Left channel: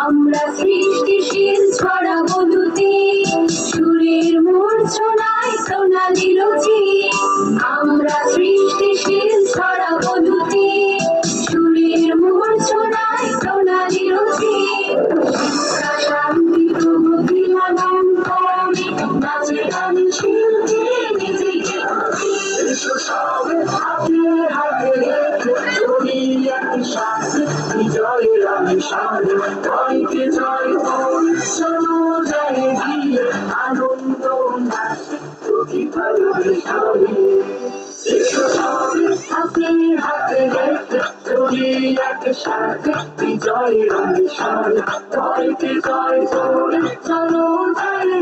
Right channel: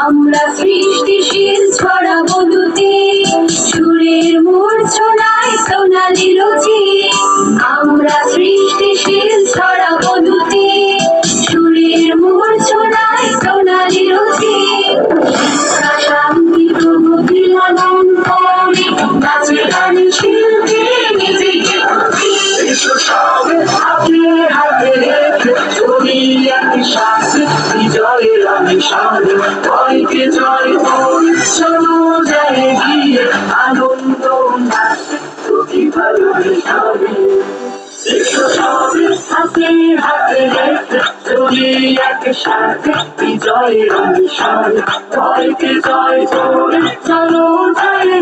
আমরা সৃষ্টিশীল ছড়াবো দুটি, সুরের মূর্ছনায় সোনালি রুচি। আমরা সৃষ্টিশীল ছড়াবো দুটি, সুরের মূর্ছনায় সোনালি রুচি। শান্তি প্রগতি লালন করি, নাচে গানে শিল্পী নিজেকে এসো সবে হাতে হাতে রেখে চলি একসাথে বিজয়ের আমিষান। ভয়কে জয় করে চলো যায় গিয়ে আনন্দ নাচে প্রতিভার মিশনে। এসো সবে হাতে হাতে রেখে চলি একসাথে বিজয়ের আমিষান। ভয়কে জয় করে চলো যায়